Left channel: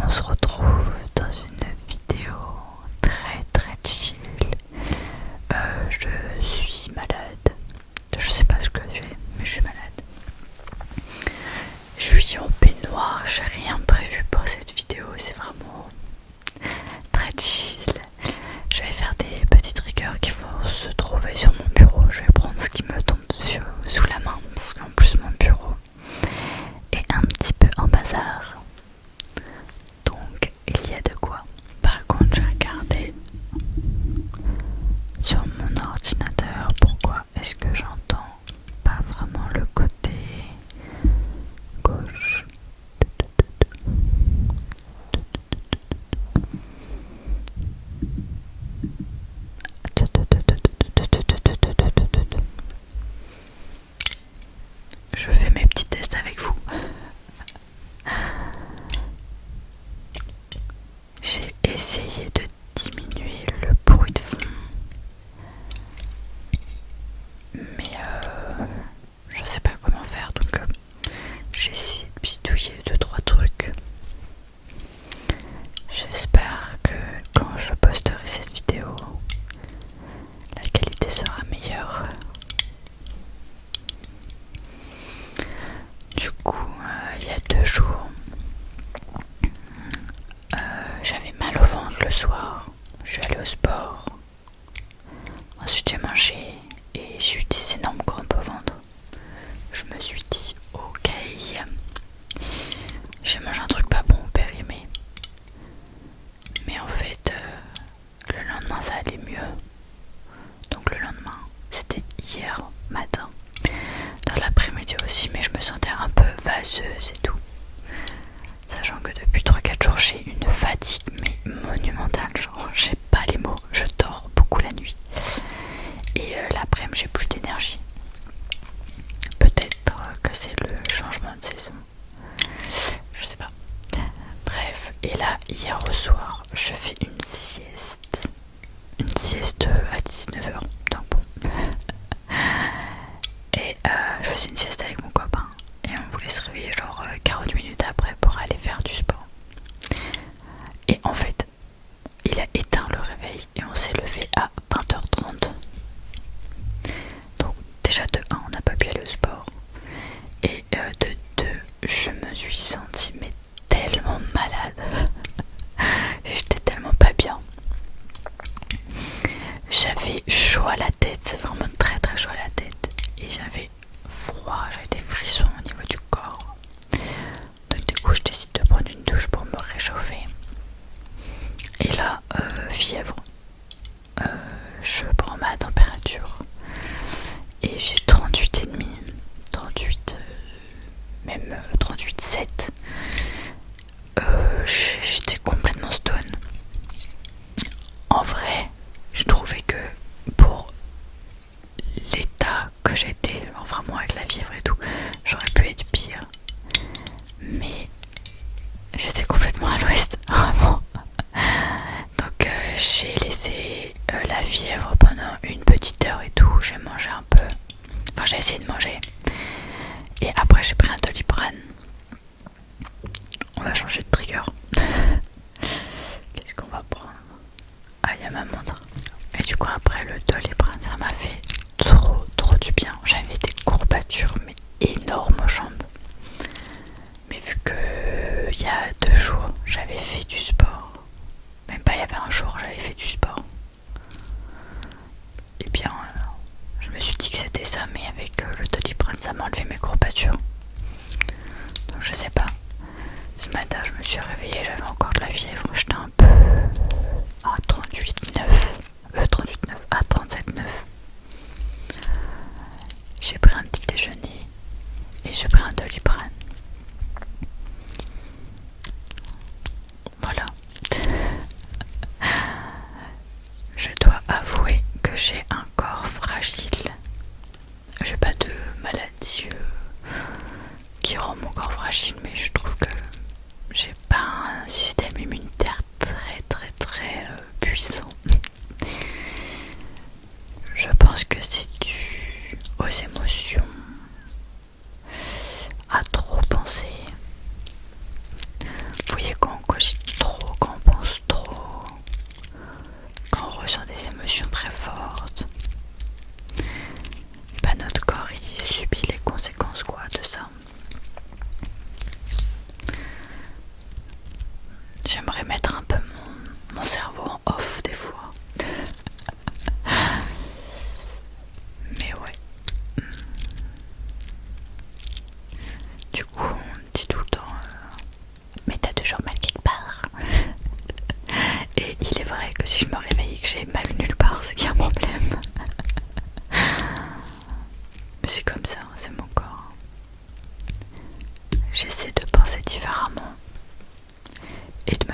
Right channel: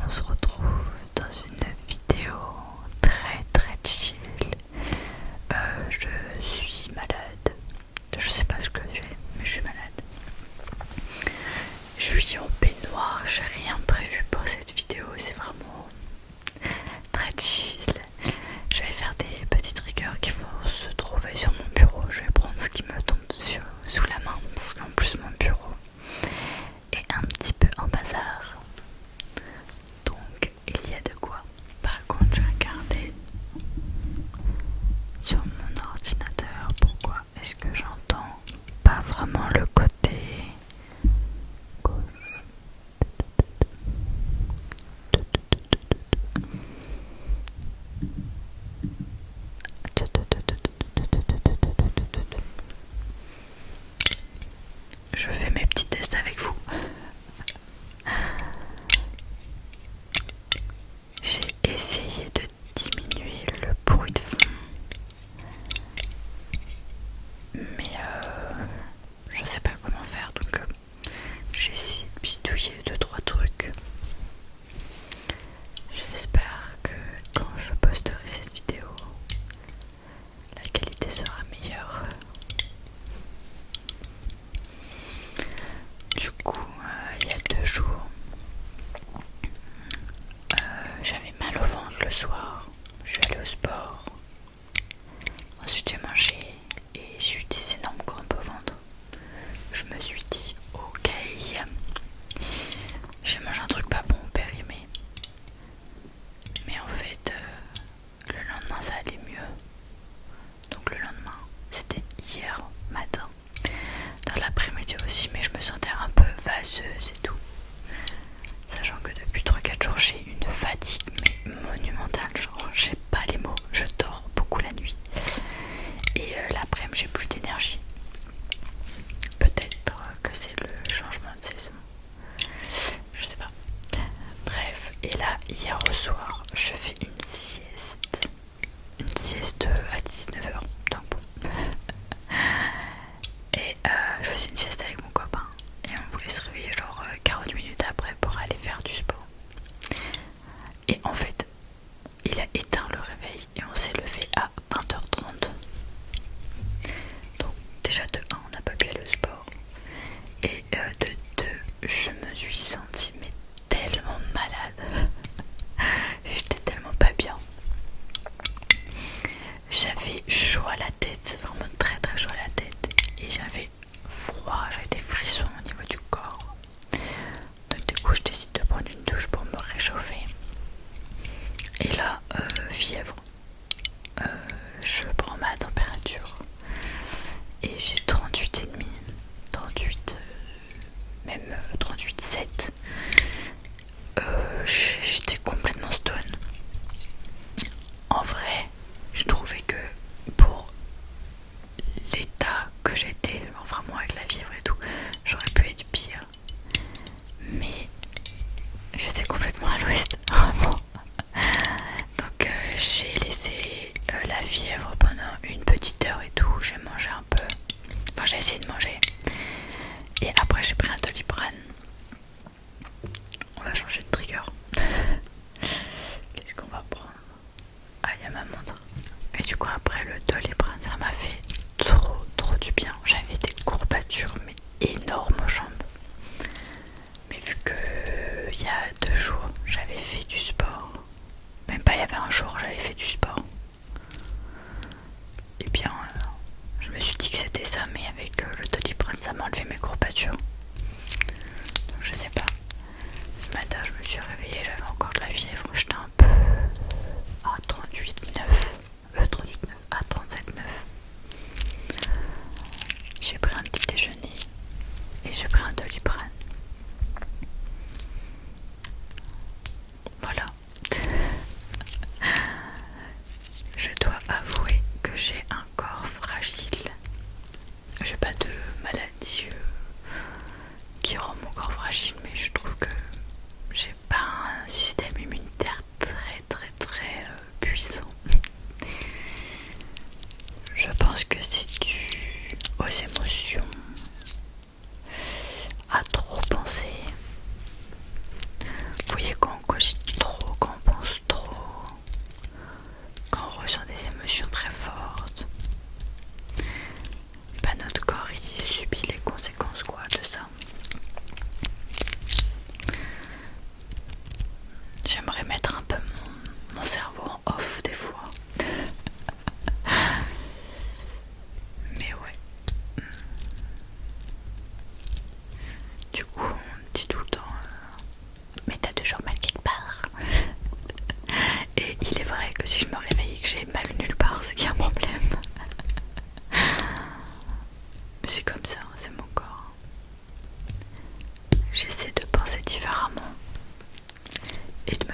on se retrouve dans une vidéo très très chill. Je suis malade. Je sais pas ce que je fais, mais je suis malade. Je suis en peignoir, j'ai rien prévu pour cette vidéo, c'est vraiment très chill. Je vais faire des petits triggers qui vont se trouver sur mon bureau. Je vais prendre ce qui me tombe sous la main parce qu'en plus mon bureau est un petit peu en bazar. Donc il y a de quoi. Par contre je vais regarder sur mon ordinateur pourquoi est-ce que j'entends pas vraiment le côté gauche. Je fais mes petits tests avec vous. J'ai essayé de diminuer le bruit de fond, mais je sais pas comment faire, donc j'ai essayé de bidouiller 2-3 trucs. J'espère que quand je posterai cette vidéo, la qualité sera meilleure. Du coup, il y a 2 jours, j'avais mal au ventre le soir. Je suis allée au sport. Ensuite j'ai mangé et j'ai eu des énormes crampes au ventre. Je me suis dit ok, j'ai mangé un truc pas bon au périmé. Mais en fait le lendemain ça allait mieux. Donc le lendemain, c'était hier matin. Dans l'après-midi aussi, mais je me sentais un peu vaseuse et tout. Sachant que depuis 3-4 jours j'ai une fatigue mais monumentale, genre j'ai pas les mots, je dors beaucoup la nuit. Et l'après-midi j'ai plus d'énergie. Peut-être que c'est le changement de saison. Je sais pas. Bref, et là hier au soir je fais une sieste. Une sieste à 19h. Donc bon. Et je faisais une sieste avec mon copain. Et on voulait se réveiller genre 40 minutes après pour aller faire du sport. Et en fait, il a éteint le réveil et on s'est levé à 20h30. Donc déjà de 1, on n'a pas pu aller au sport. Et de 2, je me suis sentie mais tellement malade. J'étais tellement pas bien. J'avais chaud à la tête, vraiment très très chaud à la tête. Et j'avais froid, j'avais des frissons au niveau du corps. Donc du coup je décide de prendre une douche pour me réchauffer. Et là, fièvre. Je prends ma température. Et j'ai 38,5. 38, même 38,7. J'étais complètement stone. En vrai, je trouvais que pour l'état que j'étais, vraiment avec la fièvre et tout, j'aurais pu être pire. Mais j'étais complètement à l'ouest, vraiment. Donc j'ai laissé la fièvre pendant une petite heure et tout. J'ai mangé un peu. Enfin, j'ai essayé de manger. Et après, j'ai pris un Doliprane. On va changer de trigger. Qu'est-ce qu'on va prendre? Ah, il y a ma montre. Et du coup, après le Doliprane, ça m'a fait trop du bien. J'avais des courbatures, mais énormes aux jambes. Mais vu que il y a 2 jours, j'avais fait du sport. Même pas, il y avait un jour, j'avais fait du sport. Et bien, je me suis dit que c'était ça, mais avec le Doliprane, ça m'a enlevé mes courbatures. Donc je sais pas. Ce matin, je me suis réveillée, j'avais encore de la fièvre. J'étais un peu à 38,9. 38,9 à 37,9. J'ai pris un petit déjeuner et j'ai pris un Doliprane. Voilà. Je dois avouer que j'ai un corps fragile. J'ai pas de maladie qui rend mon corps fragile, mais je trouve que j'ai pas un système immunitaire très puissant. Je pense que c'est dû aux émotions, à trop penser. Vous voyez, quand on cogite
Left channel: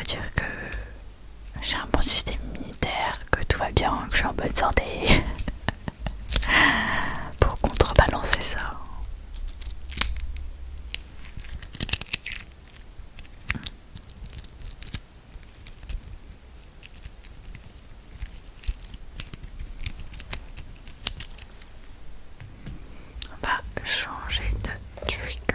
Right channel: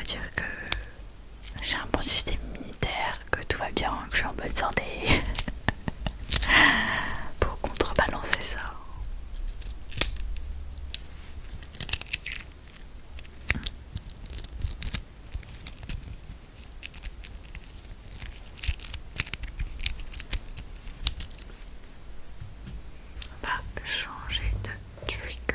veut dire que j'ai un bon système immunitaire, que tout va bien, que je suis en bonne santé. Pour contrebalancer ça. On va changer de triggers.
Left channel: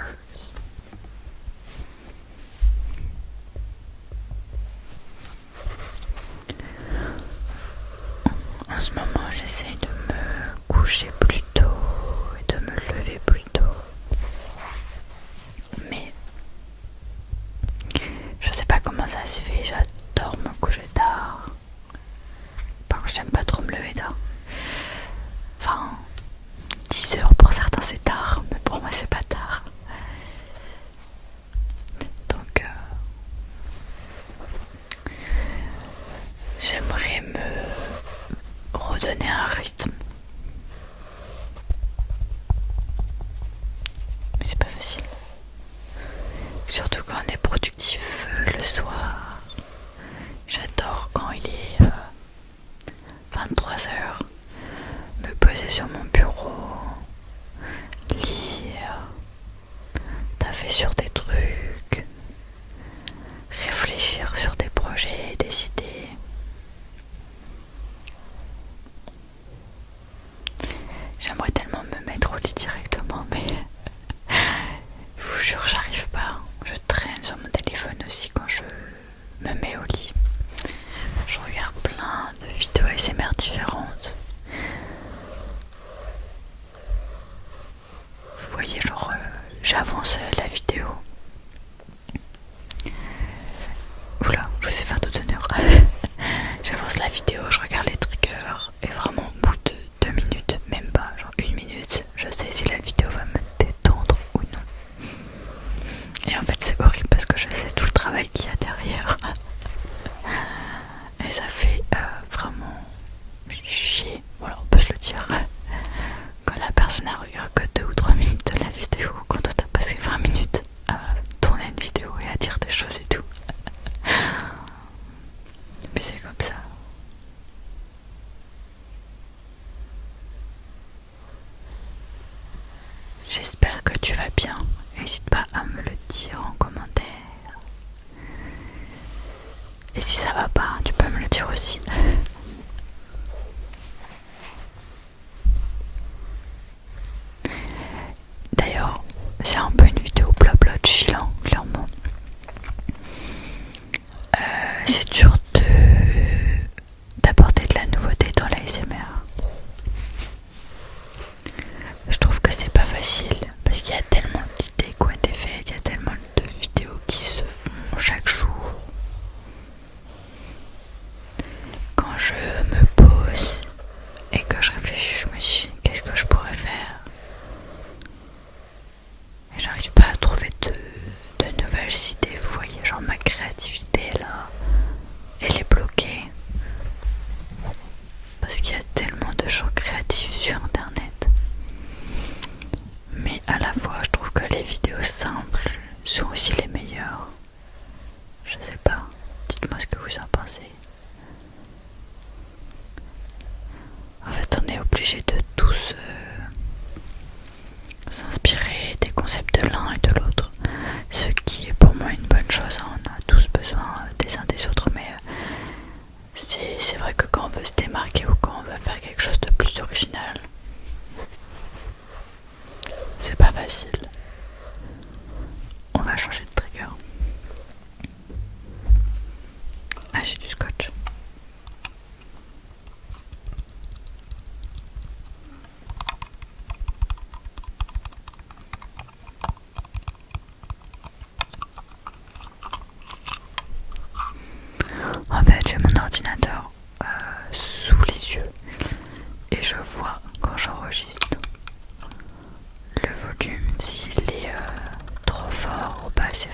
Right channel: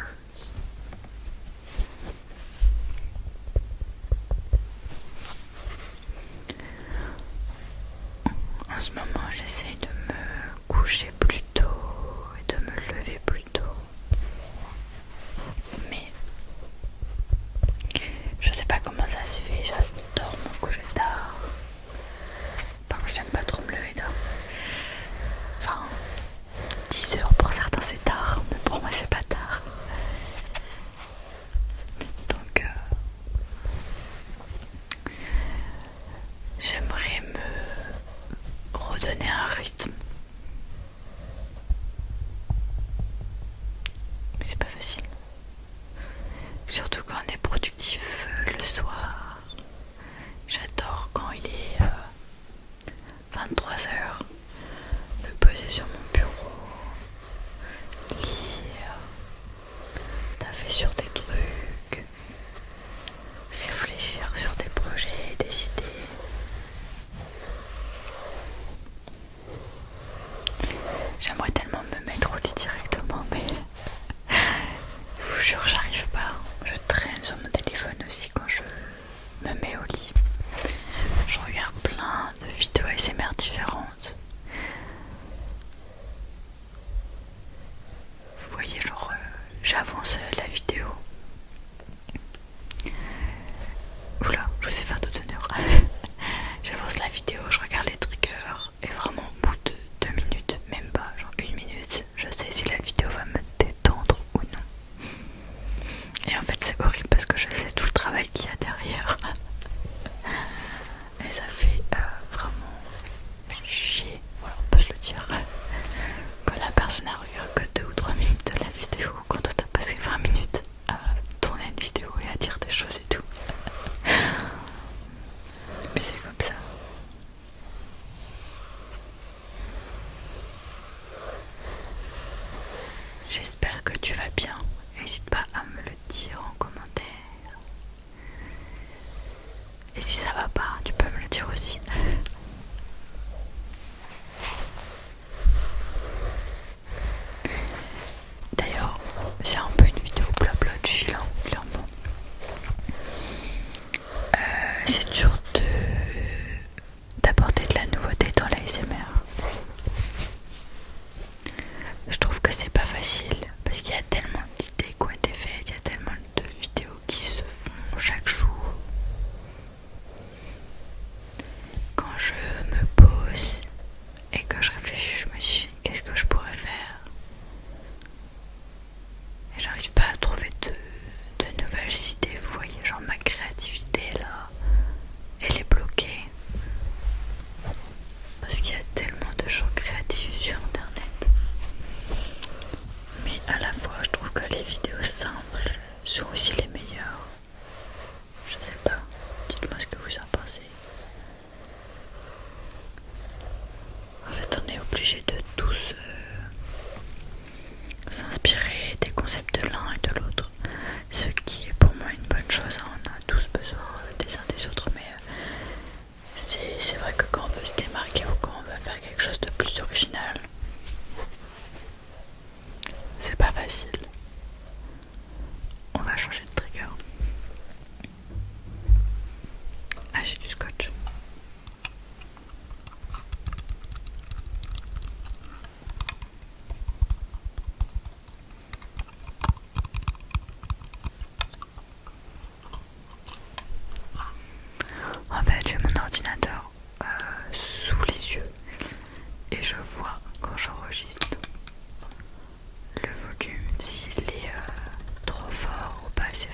En ce moment, j'essaye de me coucher plus tôt et de me lever plus tôt. Mais je sais pas comment ça se fait, j'adore me coucher tard. Par contre, j'aime pas trop me lever tard. Enfin, 10 heures pour certains c'est tard, mais pour moi c'est pas tard. Donc j'aimerais me redonner un rythme. Mais c'est pas facile. Surtout quand on est productif le soir. J'adore quand il est 23h, me poser sur mon bureau, lire, taffer sur des trucs, réfléchir sur des projets, des idées. J'aimerais tellement me mettre au lit directement, mais je vous jure, j'arrive pas. Je traîne sur mon téléphone aussi quand je me mets au lit. Je regarde plein de vidéos ASMR différentes. Vous voyez, genre, j'avance la vidéo. Oula, je vous ai fait un doute d'honneur. J'avance la vidéo, je regarde les triggers et vraiment au bout de 2 minutes, même pas, genre 1 minute, je sais si la vidéo va me détendre ou non. Et en fait c'est horrible parce que je sais tout le travail qu'il y a derrière. Et ça fait vraiment chier, voilà, on peut se le dire. Quand la personne a regardé que 2 ou 3 minutes de la vidéo, quand on a passé 20 minutes à tourner une vidéo et à dire des choses et tout. Mais c'est comme ça. J'espère que tu vas bien. N'hésite pas à me le dire en commentaire. Et si ça va pas, tu peux me le dire aussi. D'ailleurs, c'est un peu une vidéo blabla chillant, clairement. C'est dur d'apporter de la nouveauté dans l'ASMR. Je trouve que c'est pas facile parce qu'il y a tellement d'idées qui ont été faites, il y a tellement de vidéos qui se font chaque jour. Quand je me pose et que je réfléchis, je me dis qu'est-ce que je pourrais faire. Et j'arrive pas à trouver de nouvelles idées, vous voyez, genre ma créativité là, elle est bloquée. Parce qu'il y a tellement de gens créatifs sur internet. Mais à la fois, je trouve que les vidéos simples sont aussi les meilleures. Je sais pas, dites-moi ce que vous en pensez. En fait, on est obligé de tous s'inspirer des concepts de l'un et de l'autre. Ce qui est pour moi une bonne chose, hein. On a tous besoin des uns des autres, mais c'est vrai que quand on veut se démarquer ou quand on veut faire quelque chose de plus original, c'est pas facile. On va changer de trigger. Ah, j'ai du scotch. En fait, j'ai mon ordinateur sous les yeux et je vois quand j'enregistre le volume, s'il est trop fort ou pas assez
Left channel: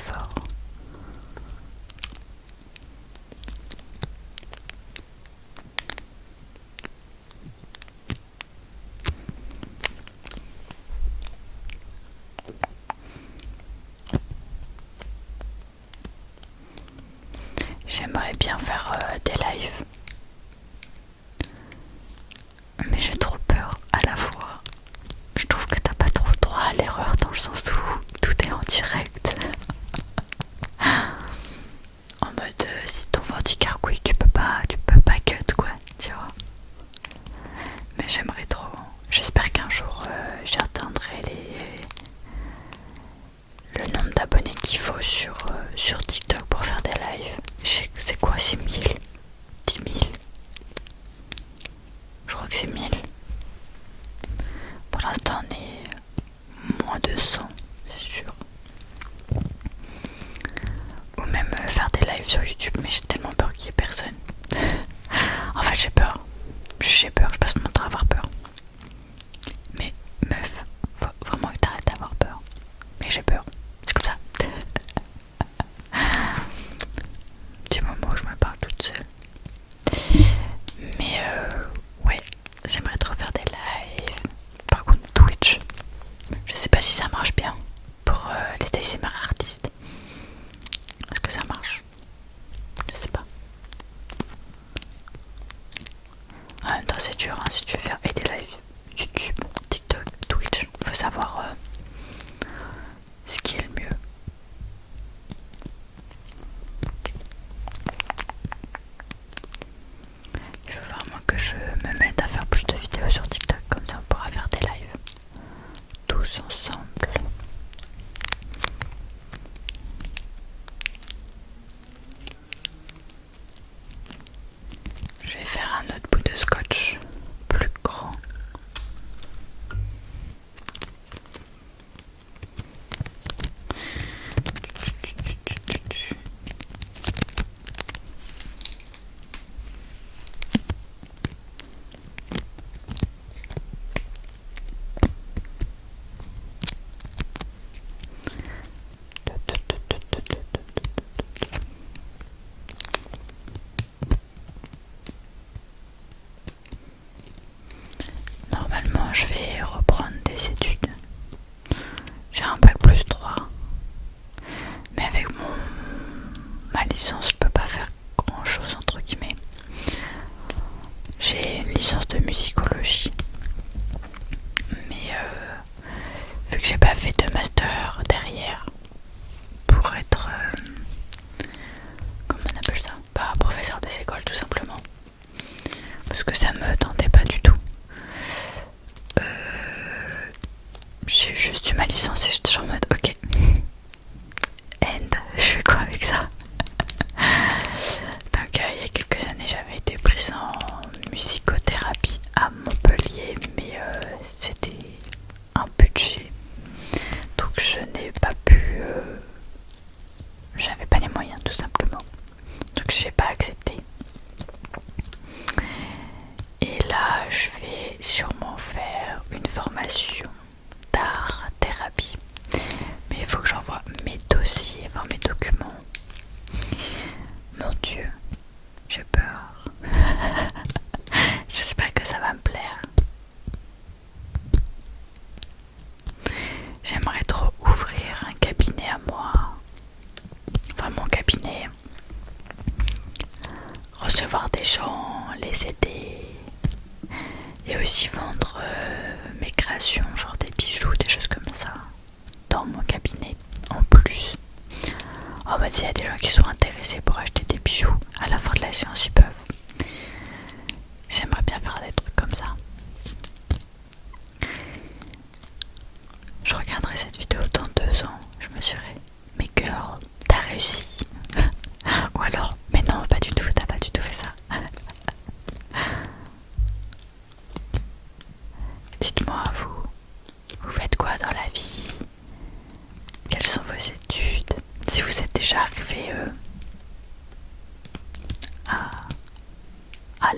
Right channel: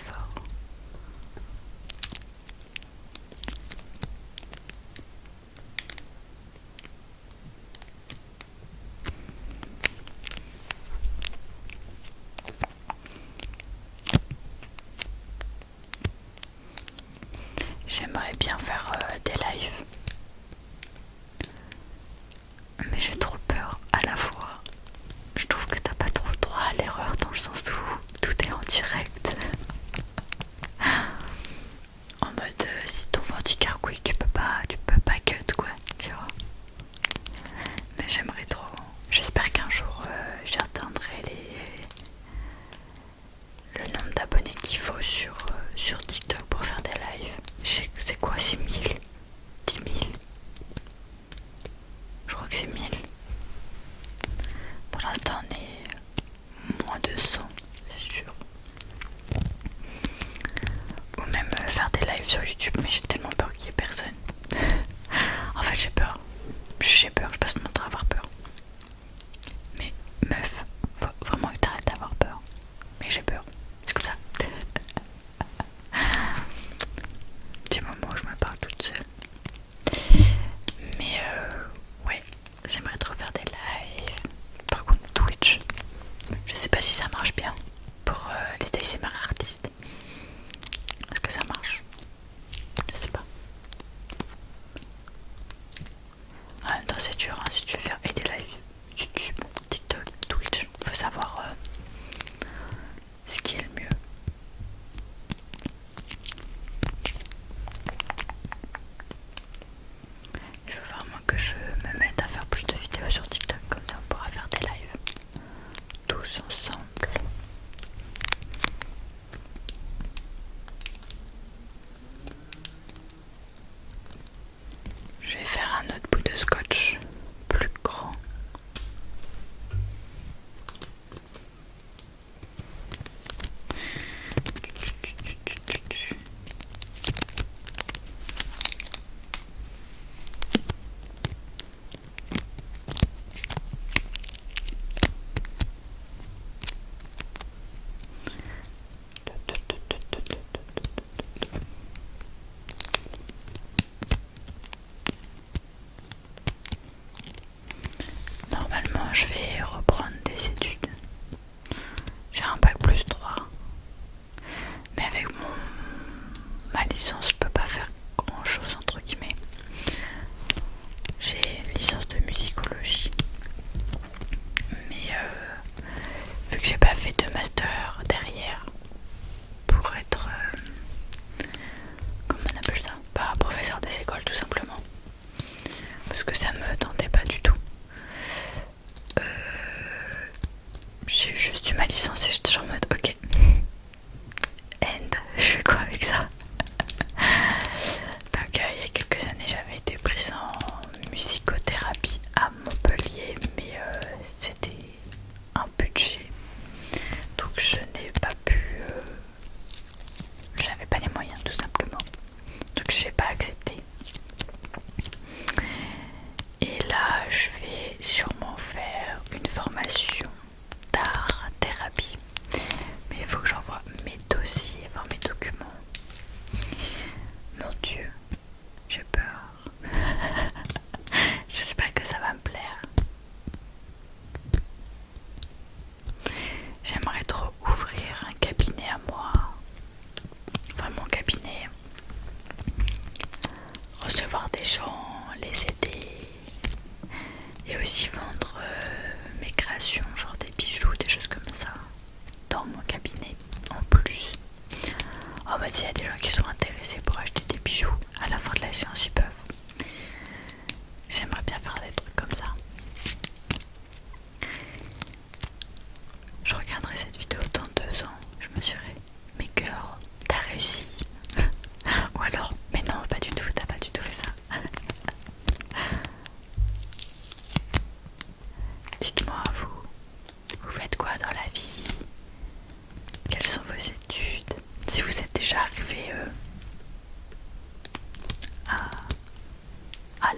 j'aimerais bien faire des lives. Mais j'ai trop peur à la fois. Je trouve que t'as pas trop le droit à l'erreur dans le sens où tout est en direct. En mode si ton ventre carcouille, tu peux pas cut quoi, tu vois. Mais j'aimerais trop. J'espère qu'un jour j'atteindrai le nombre d'abonnés qu'il faut sur TikTok pour faire des lives. C'est quoi, c'est 1000, 10 000? Je crois que c'est 1000. Pour l'instant on est moins de 100, c'est sûr. Ou même faire des lives sur YouTube, mais j'ai tellement peur qu'il y ait personne. En fait j'ai peur, je passe mon temps à avoir peur. Mais meuf, faut vraiment que t'arrêtes d'avoir peur. Mais j'ai peur, c'est comme ça. Petit moment où je me parle toute seule. Mais ouais, j'aimerais trop faire des lives. Par contre Twitch, je sais pas si ça marche bien pour les ASMR artistes. Est-ce que ça marche? Je sais pas. En même temps c'est dur hein, si tu veux faire des lives YouTube, TikTok, Twitch, faut savoir ce qui est le mieux. Il faut vraiment que je me mette à faire plus de vidéos sur TikTok, comme ça on pourra faire des lives tous ensemble. Je vais faire un autre bout de scotch plus grand. Normalement, je vais reprendre des études. J'ai un bac plus 3. Mais avec ma licence, je peux pas faire grand chose entre guillemets. J'ai une licence de musicologie. Mais vu que j'ai pas fait de master derrière pour être comment on appelle ça, pas professeur des écoles tout simplement, parce que ça me tentait pas du tout. J'ai juste eu ma licence et j'étais en mode ok, je fais quoi avec ça? Donc il y a quelques années j'avais été prise en musicothérapie à Montpellier, mais c'était un budget, donc je n'ai pas pu, j'avais pas les moyens tout simplement, donc j'ai pas accepté. Et là je vais sûrement faire une formation d'art thérapie, mais il faut que j'envoie mes dossiers, enfin mes documents. Mon Dieu, j'ai peur. J'espère que ça va me plaire. J'aimerais trop ouvrir un cabinet à moi, enfin mon cabinet, recevoir des gens, les aider et aussi vendre mes créations, genre des bijoux, des choses comme ça dans mon cabinet en plus. En mode s'il y a des gens qui sont intéressés pour acheter des bijoux à la fin de la séance, ils peuvent. J'aimerais bien faire des trucs comme ça. Je regarderai cette vidéo dans 2 ans, je me dirai mais girl, t'as réussi. Ou alors mais non, pas du tout, t'as pas du tout fait ça. Dites-moi, vous faites quoi dans la vie? Quelles sont vos études? Si vous êtes déjà arrivé à